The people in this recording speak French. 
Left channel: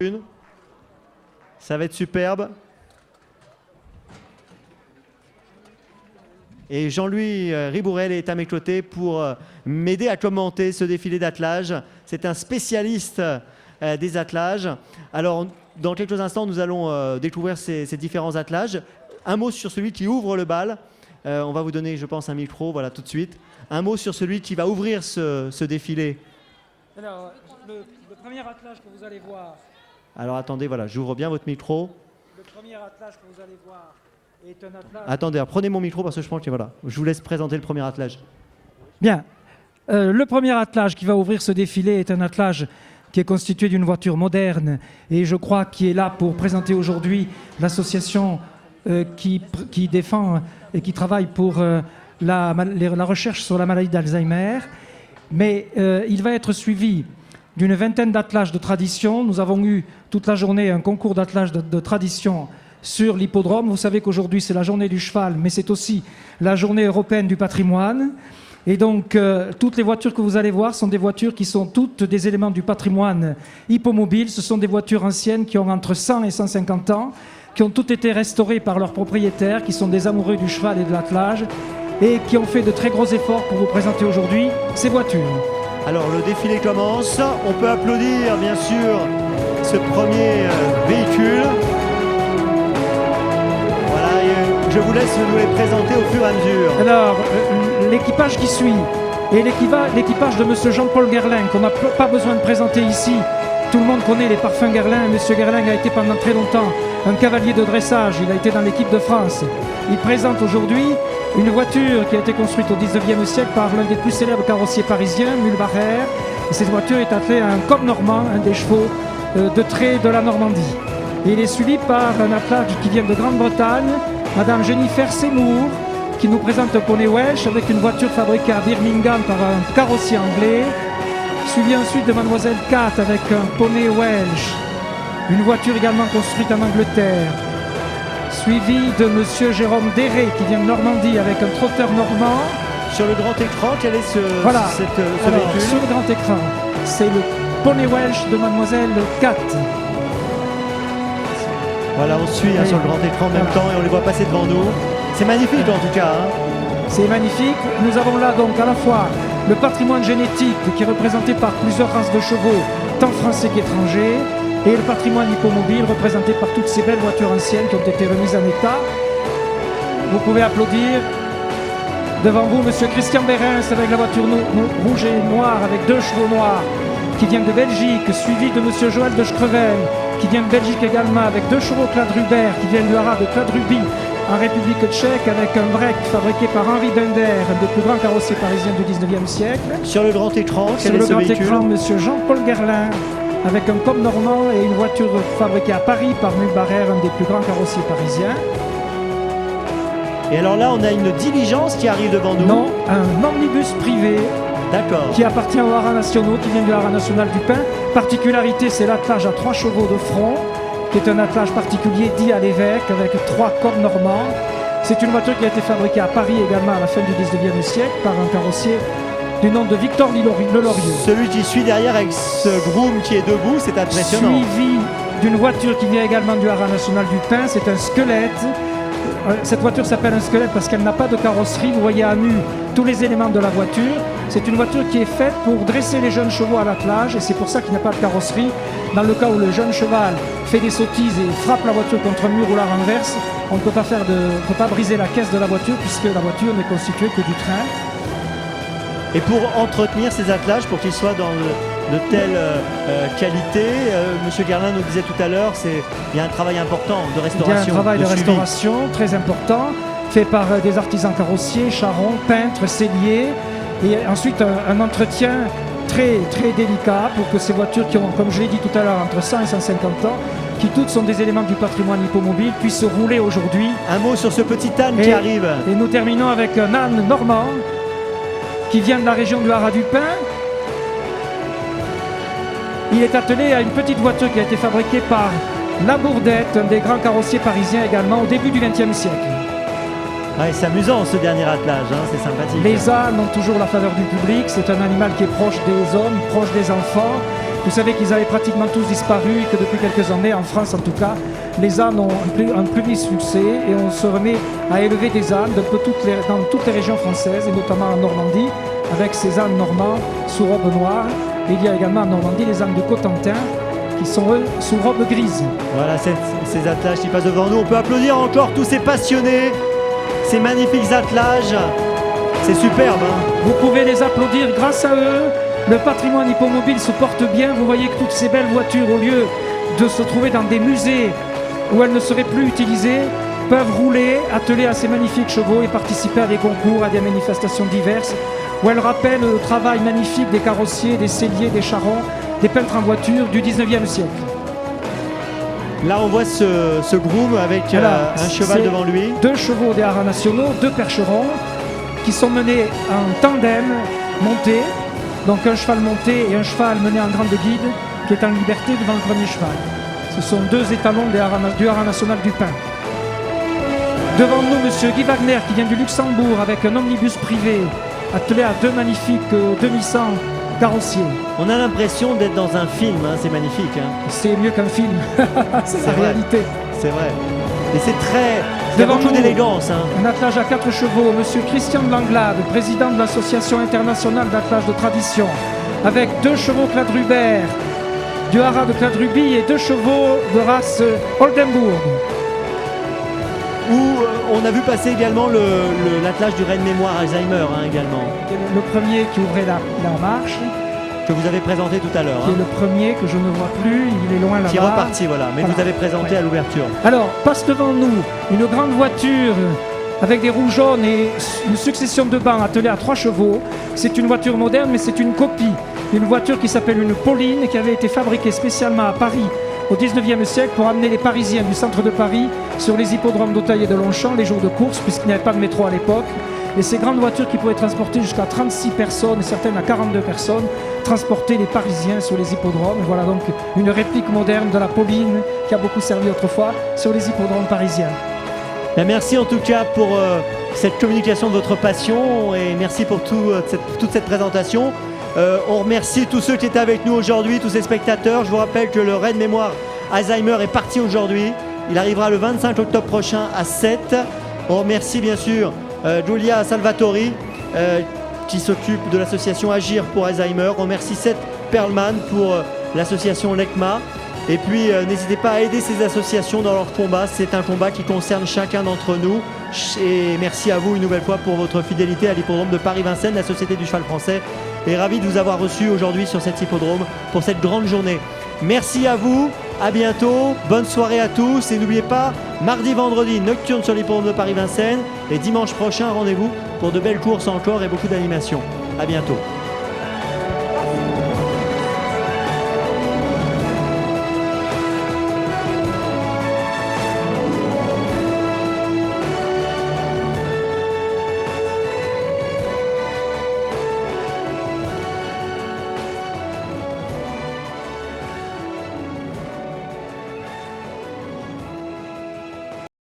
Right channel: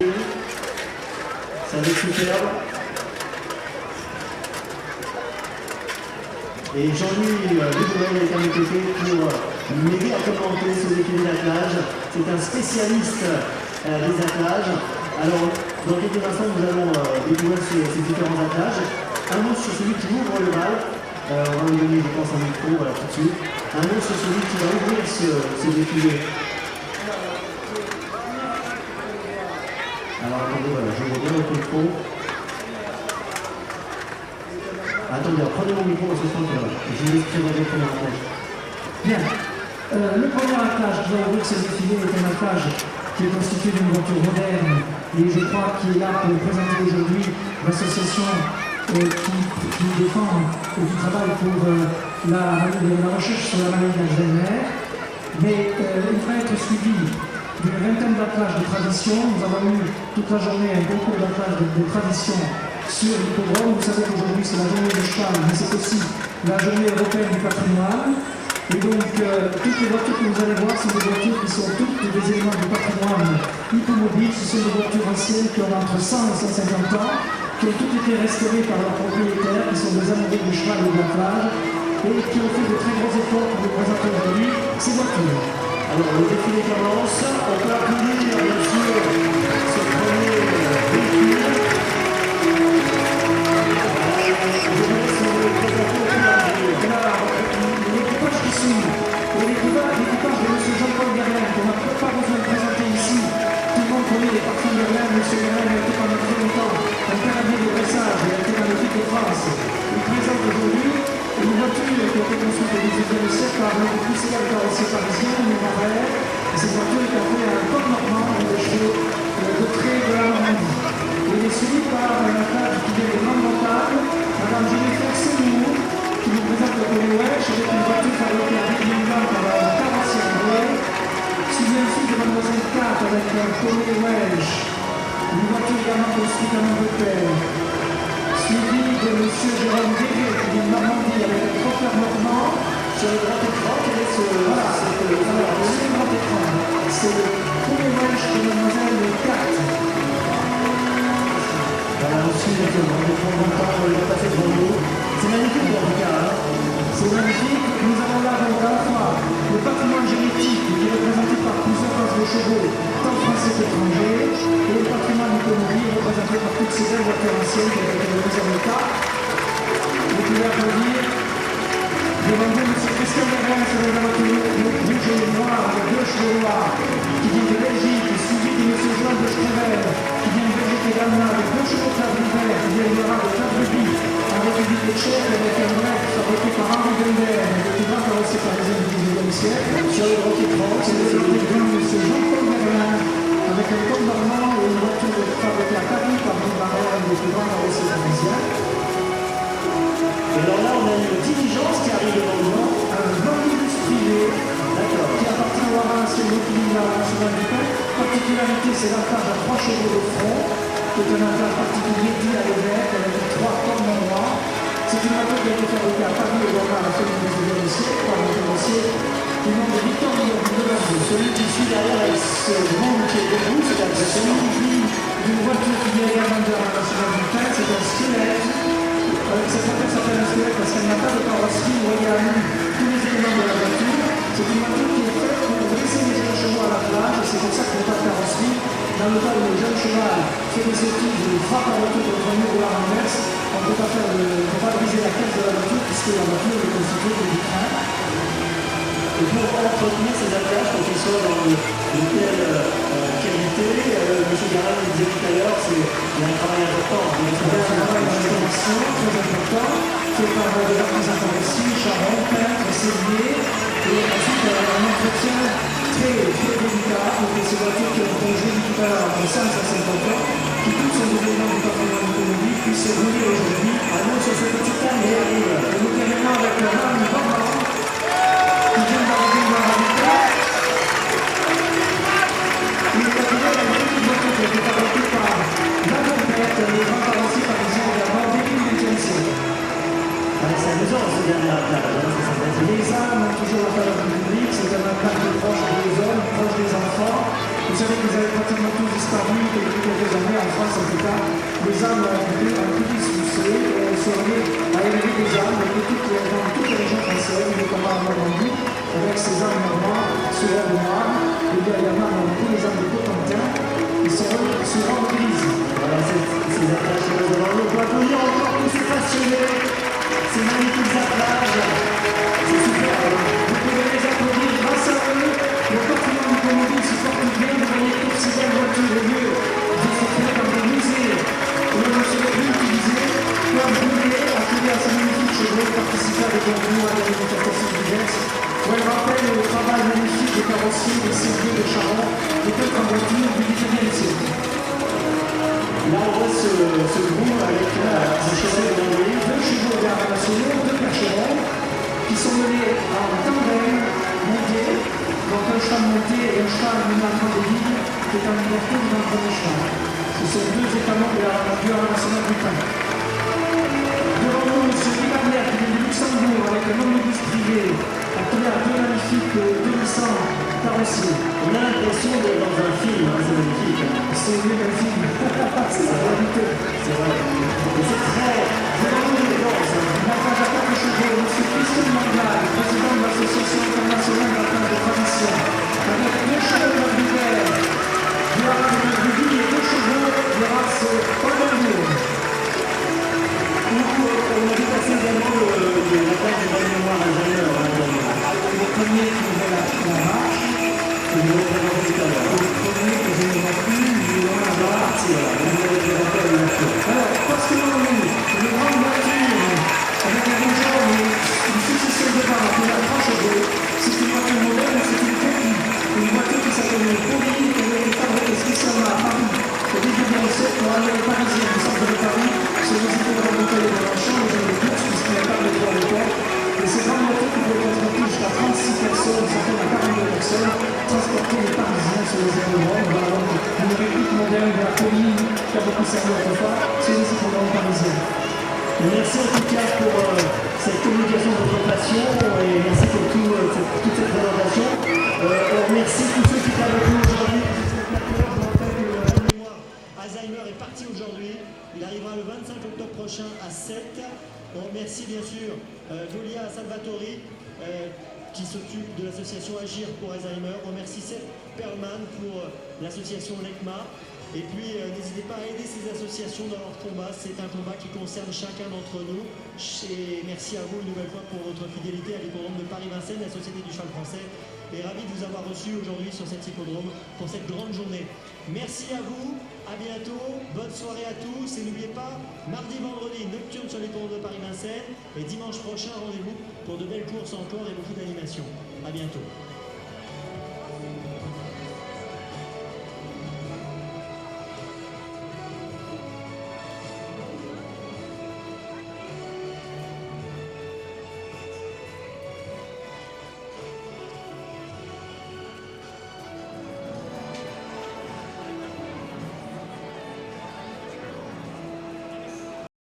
Ça va être superbe. Et Jean-Louis Rigourel est à mes côtés pour m'aider à commenter ce défilé d'attelages. C'est un spécialiste des attelages. Alors, dans quelques instants, nous allons découvrir ces différents attelages. Un mot sur celui qui ouvre le bal. On va me donner, je pense, un micro, voilà, tout de suite. Un mot sur celui qui va ouvrir ce défilé. Alors, attendez, voilà, je vois bien votre micro. Attendez, prenez mon micro, parce que voilà, je vous laisse présenter le premier attelage. Bien. Le premier attelage qui va ouvrir ce défilé est un attelage qui est constitué d'une voiture moderne et je crois qu'il est là pour présenter aujourd'hui l'association qui défend et qui travaille pour la recherche sur la maladie d'Alzheimer. Mais il va être suivi d'une vingtaine d'attelages de tradition. Nous avons eu toute la journée un concours d'attelage de tradition sur l'hippodrome. Vous savez qu'aujourd'hui c'est la journée du cheval, mais c'est aussi la journée européenne du patrimoine. Et donc toutes les voitures que vous allez voir sont des voitures qui sont toutes des éléments du patrimoine hippomobile. Ce sont des voitures anciennes qui ont entre 100 et 150 ans, qui ont toutes été restaurées par leurs propriétaires, qui sont des amoureux du cheval et de l'attelage, et qui ont fait de très gros efforts pour vous présenter aujourd'hui ces voitures. Alors le défilé commence, on peut applaudir bien sûr ce premier véhicule. Voilà, je vous laisse vous les présenter au fur et à mesure. Alors, l'équipage qui suit est l'équipage de M. Jean-Paul Guerlain, qu'on n'a pas besoin de présenter ici. Tout le monde connaît les parfums Guerlain. M. Guerlain a été pendant très longtemps un cavalier de dressage, il a été dans l'équipe de France. Il présente aujourd'hui une voiture qui a été construite au 19e siècle par l'un des plus célèbres carrossiers parisiens, Louis Barrère. Et cette voiture est appelée un coq normand avec des chevaux de trait de la Normandie. Et il est suivi par un attelage qui vient de Grande-Bretagne, Madame Jennifer Seymour, qui nous présente le poney Welsh avec une voiture fabriquée à Birmingham par un carrossier anglais. Suivi ensuite de Mademoiselle Cat avec un poney Welsh, une voiture également construite en Angleterre. Suivi de Monsieur Jérôme Déré qui vient de Normandie avec un trotteur normand. Sur le grand écran, quel est ce Voilà, véhicule? sur le grand écran, c'est le poney Welsh de Mademoiselle Cat. Voilà, on suit sur le grand écran en même temps et on le voit passer devant nous. C'est magnifique en tout cas. Hein. C'est magnifique. Nous avons là donc à la fois le patrimoine génétique qui est représenté par plusieurs races de chevaux, tant français qu'étrangers, et le patrimoine hippomobile représenté par toutes ces belles voitures anciennes qui ont été remises à l'état. Vous pouvez applaudir. Devant vous, M. Christian Berens avec la voiture rouge et noire avec 2 chevaux noirs qui vient de Belgique, suivi de M. Joël de Strevel qui vient de Belgique également avec 2 chevaux Quadrupère qui viennent de l'arabe Quadrubi en République tchèque avec un break fabriqué par Henri Bender, un des plus grands carrossiers parisiens du 19e siècle. Sur le grand écran, Sur le grand écran, M. Jean-Paul Guerlain avec un coq normand et une voiture fabriquée à Paris par Louis Barrère, un des plus grands carrossiers parisiens. Et alors là, on a une diligence qui arrive devant nous. Non, un omnibus privé. D'accord. Qui appartient aux haras nationaux, qui vient de la haras nationale du Pin. Particularité, c'est l'attelage à 3 chevaux de front, qui est un attelage particulier dit à l'évêque, avec 3 coqs normands. C'est une voiture qui a été fabriquée à Paris également à la fin du 19e siècle par un carrossier du nom de Victor Delorme. Celui qui suit derrière avec ce groom qui est debout, c'est impressionnant. Suivi d'une voiture qui vient également de la haras nationale du Pin, c'est un squelette. Cette voiture s'appelle un squelette parce qu'elle n'a pas de carrosserie. Vous voyez à nu tous les éléments de la voiture. C'est une voiture qui est faite pour dresser les jeunes chevaux à l'attelage et c'est pour ça qu'il n'y a pas de carrosserie. Dans le cas où le jeune cheval fait des sottises et frappe la voiture contre un mur ou la renverse, on ne peut pas briser la caisse de la voiture puisque la voiture n'est constituée que du train. Et pour entretenir ces attelages, pour qu'ils soient dans de telle qualité, M. Guerlain le disait tout à l'heure, il y a un travail important de restauration. Il y a un travail de restauration très important, fait par des artisans carrossiers, charrons, peintres, selliers, et ensuite un entretien très, très délicat pour que ces voitures qui ont, comme je l'ai dit tout à l'heure, entre 100 et 150 ans, qui toutes sont des éléments du patrimoine hippomobile, puissent rouler aujourd'hui. Un mot sur ce petit âne qui arrive. Et nous terminons avec un âne normand qui vient de la région de la Haras-du-Pin. Il est attelé à une petite voiture qui a été fabriquée par Labourdette, des grands carrossiers parisiens également, au début du XXe siècle. Ouais, c'est amusant ce dernier attelage, hein, c'est sympathique. Les ânes ont toujours la faveur du public, c'est un animal qui est proche des hommes, proche des enfants. Vous savez qu'ils avaient pratiquement tous disparu, que depuis quelques années, en France en tout cas, les ânes ont un public succès et on se remet à élever des ânes dans toutes les régions françaises, notamment en Normandie, avec ces ânes normands sous robe noire. Il y a également en Normandie les ânes de Cotentin qui sont eux sous robe grise. Voilà ces attelages qui passent devant nous. On peut applaudir encore tous ces passionnés, ces magnifiques attelages. C'est superbe. Vous pouvez les applaudir grâce à eux. Le patrimoine hippomobile se porte bien. Vous voyez que toutes ces belles voitures, au lieu de se trouver dans des musées où elles ne seraient plus utilisées, peuvent rouler, attelées à ces magnifiques chevaux et participer à des concours, à des manifestations diverses, où elles rappellent le travail magnifique des carrossiers, des selliers, des charrons, des peintres en voiture du 19e siècle. Là, on voit ce groom avec un cheval devant lui. Deux chevaux des haras nationaux, deux percherons, qui sont menés en tandem, montés. Donc un cheval monté et un cheval mené en grande guide, qui est en liberté devant le premier cheval. Ce sont deux étalons du haras national du pain. Devant nous, M. Guy Wagner, qui vient du Luxembourg avec un omnibus privé, attelé à deux magnifiques 2100 carrossiers. On a l'impression d'être dans un film, hein, c'est magnifique. Hein. C'est mieux qu'un film, c'est la réalité. C'est vrai. Et c'est très... Devant beaucoup nous, d'élégance. Hein. Un attelage à 4 chevaux, M. Christian Langlade, président de l'Association internationale d'attelage de tradition, avec 2 chevaux quadrubères du haras de Quadrubie et 2 chevaux de race Oldenburg. Où on a vu passer également l'attelage du Reine Mémoire Alzheimer. Hein, le premier qui ouvrait la marche. Que vous avez présenté tout à l'heure. Et le premier que je ne vois plus, il est loin là-bas. Qui est reparti, voilà, mais vous l'avez présenté à l'ouverture. Alors, passe devant nous une grande voiture avec des roues jaunes et une succession de bancs attelés à 3 chevaux. C'est une voiture moderne, mais c'est une copie. Une voiture qui s'appelle une Pauline et qui avait été fabriquée spécialement à Paris au 19e siècle pour amener les Parisiens du centre de Paris sur les hippodromes d'Auteuil et de Longchamp, les jours de course, puisqu'il n'y avait pas de métro à l'époque. Et ces grandes voitures qui pouvaient transporter jusqu'à 36 personnes, certaines à 42 personnes, transporter les Parisiens sur les hippodromes. Voilà donc une réplique moderne de la Pauline qui a beaucoup servi autrefois sur les hippodromes parisiens. Merci en tout cas pour cette communication de votre passion et merci pour toute cette présentation. On remercie tous ceux qui étaient avec nous aujourd'hui, tous ces spectateurs. Je vous rappelle que le Reine Mémoire Alzheimer est parti aujourd'hui. Il arrivera le 25 octobre prochain à 7. On remercie bien sûr Giulia Salvatori qui s'occupe de l'association Agir pour Alzheimer. On remercie Seth Perlman pour l'association LECMA. Et puis n'hésitez pas à aider ces associations dans leur combat. C'est un combat qui concerne chacun d'entre nous. Et merci à vous une nouvelle fois pour votre fidélité à l'hippodrome de Paris-Vincennes, la Société du Cheval Français. Et ravi de vous avoir reçu aujourd'hui sur cet hippodrome pour cette grande journée. Merci à vous, à bientôt, bonne soirée à tous. Et n'oubliez pas, mardi, vendredi, nocturne sur l'hippodrome de Paris-Vincennes. Et dimanche prochain, rendez-vous pour de belles courses encore et beaucoup d'animations. À bientôt.